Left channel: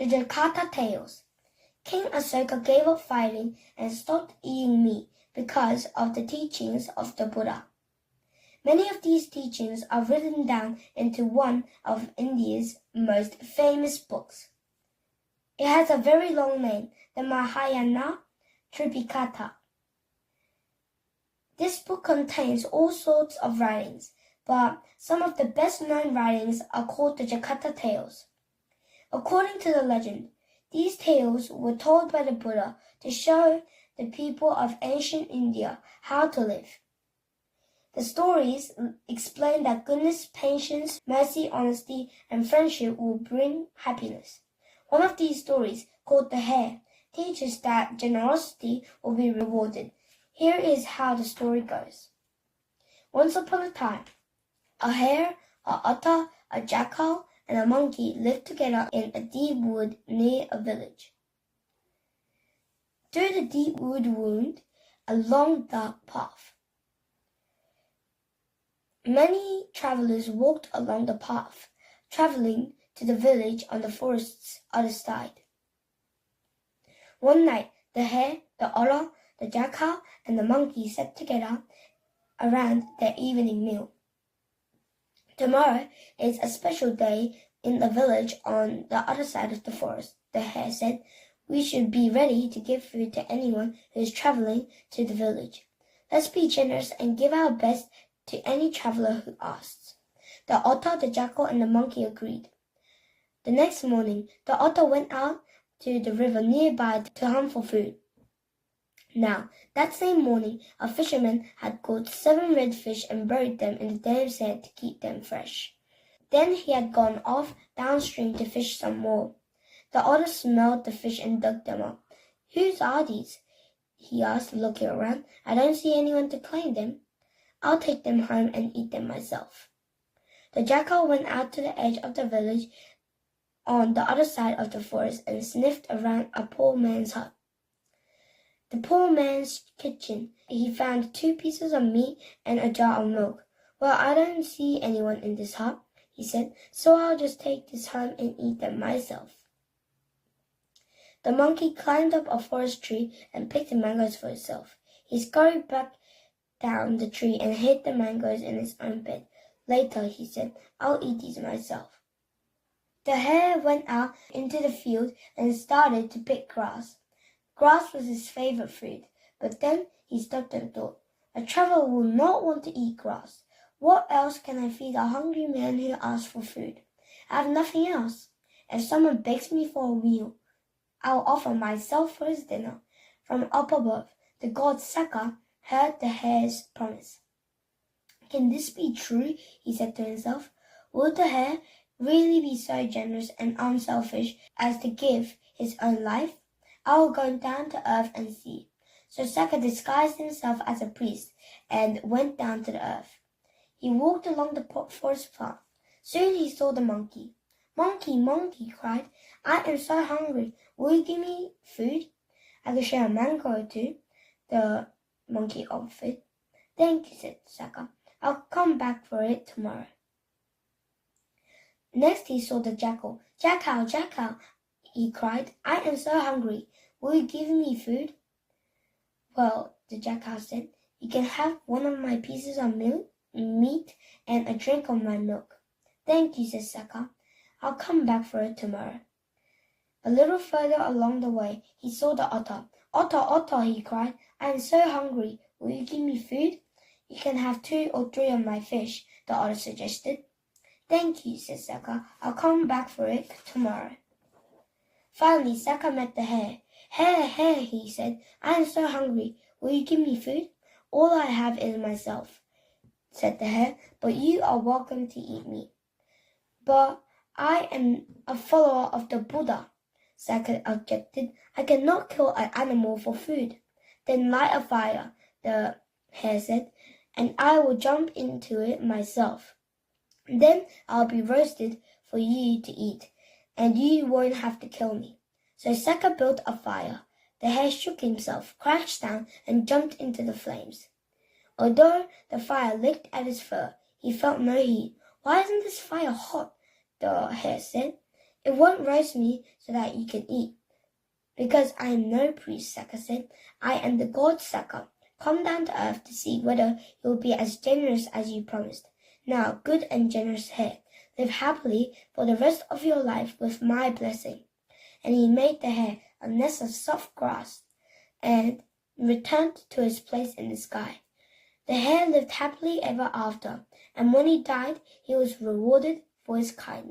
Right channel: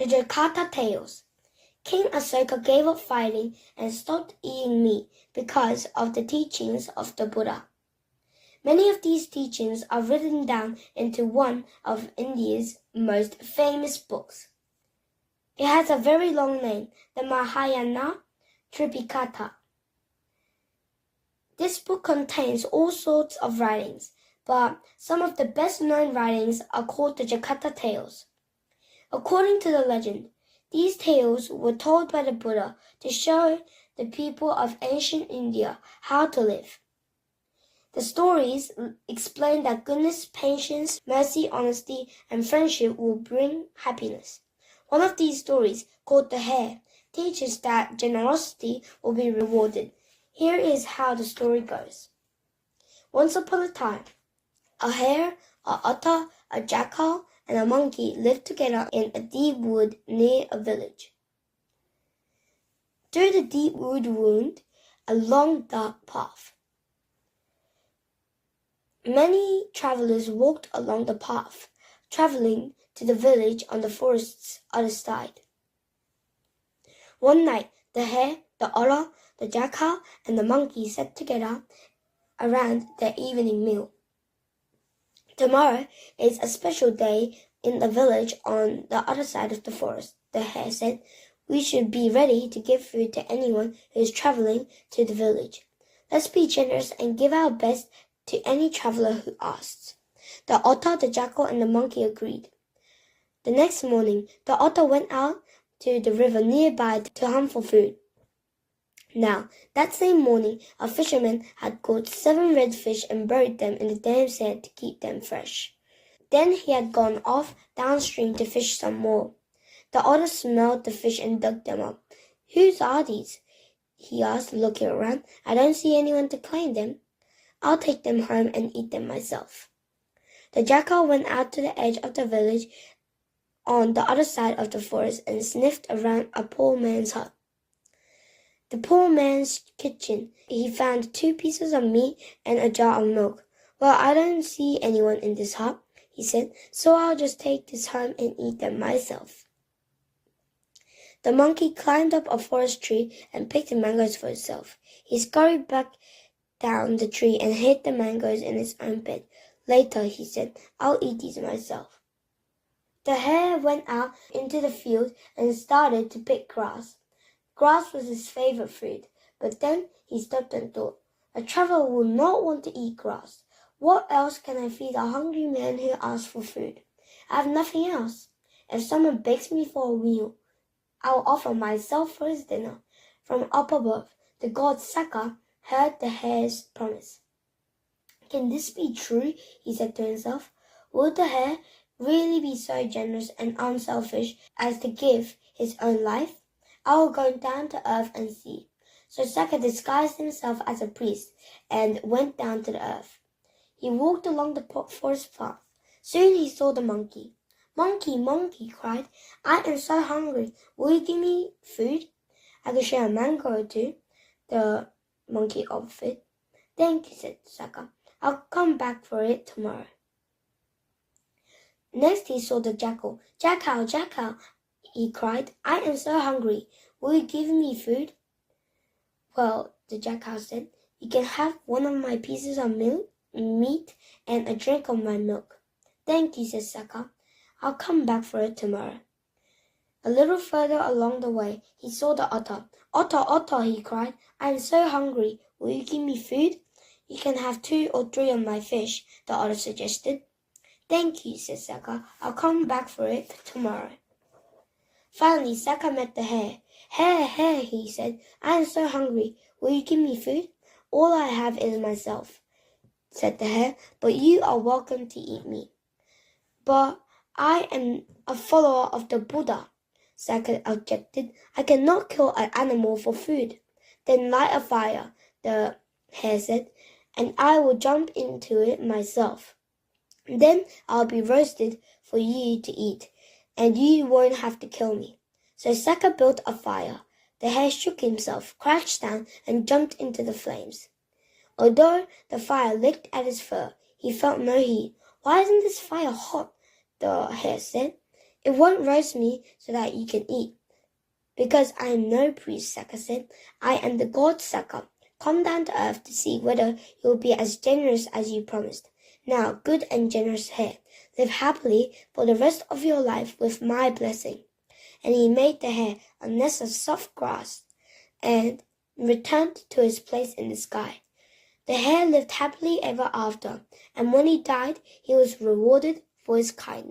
The Jakata Tales. King Asoka gave up fighting and stopped eating meat because of the teachings of the Buddha. Many of these teachings are written down into one of India's most famous books. It has a very long name, the Mahayana Tripitaka. This book contains all sorts of writings, but some of the best-known writings are called the Jakata Tales. According to the legend, these tales were told by the Buddha to show the people of ancient India how to live. The stories explain that goodness, patience, mercy, honesty, and friendship will bring happiness. One of these stories, called The Hare, teaches that generosity will be rewarded. Here is how the story goes. Once upon a time, a hare, a otter, a jackal, and a monkey lived together in a deep wood near a village. Through the deep wood wound, a long dark path. Many travelers walked along the path, traveling to the village on the forest's other side. One night, the hare, the otter, the jackal, and the monkey sat together around their evening meal. Tomorrow is a special day in the village on the other side of the forest, the hare said. We should be ready to give food to anyone who is traveling to the village. Let's be generous and give our best to any traveler who asks. The otter, the jackal, and the monkey agreed. The next morning, the otter went out to the river nearby to hunt for food. Now, that same morning, a fisherman had caught 7 redfish and buried them in the dam sand to keep them fresh. Then he had gone off downstream to fish some more. The otter smelled the fish and dug them up. Whose are these? He asked, looking around. I don't see anyone to claim them. I'll take them home and eat them myself. The jackal went out to the edge of the village on the other side of the forest and sniffed around a poor man's hut. The poor man's kitchen. He found 2 pieces of meat and a jar of milk. Well, I don't see anyone in this hut, he said, so I'll just take this home and eat them myself. The monkey climbed up a forest tree and picked the mangoes for himself. He scurried back down the tree and hid the mangoes in his own bed. Later, he said, I'll eat these myself. The hare went out into the field and started to pick grass. Grass was his favorite food, but then he stopped and thought, a traveler will not want to eat grass. What else can I feed a hungry man who asks for food? I have nothing else. If someone begs me for a meal, I'll offer myself for his dinner. From up above, the god Saka heard the hare's promise. Can this be true? He said to himself. Would the hare really be so generous and unselfish as to give his own life? I will go down to earth and see. So Saka disguised himself as a priest and went down to the earth. He walked along the forest path. Soon he saw the monkey. Monkey, monkey, he cried. I am so hungry. Will you give me food? I can share a mango or 2, the monkey offered. Thank you, said Saka. I'll come back for it tomorrow. Next he saw the jackal. Jackal, jackal, he cried. I am so hungry. Will you give me food? Well, the jackal said, you can have one of my pieces of meat and a drink of my milk. Thank you, said Saka. I'll come back for it tomorrow. A little further along the way, he saw the otter. Otter, otter, he cried. I am so hungry. Will you give me food? You can have 2 or 3 of my fish, the otter suggested. Thank you, said Saka. I'll come back for it tomorrow. Finally, Saka met the hare. Hare, hare, he said. I am so hungry. Will you give me food? All I have is myself, said the hare, but you are welcome to eat me. But I am a follower of the Buddha, Saka objected. I cannot kill an animal for food. Then light a fire, the hare said, and I will jump into it myself. Then I'll be roasted for you to eat, and you won't have to kill me. So Saka built a fire. The hare shook himself, crouched down, and jumped into the flames. Although the fire licked at his fur, he felt no heat. Why isn't this fire hot? The hare said. It won't roast me so that you can eat. Because I am no priest, Saka said. I am the god Saka. Come down to earth to see whether you will be as generous as you promised. Now, good and generous hare, live happily for the rest of your life with my blessing. And he made the hare a nest of soft grass and returned to his place in the sky. The hare lived happily ever after, and when he died, he was rewarded for his kindness.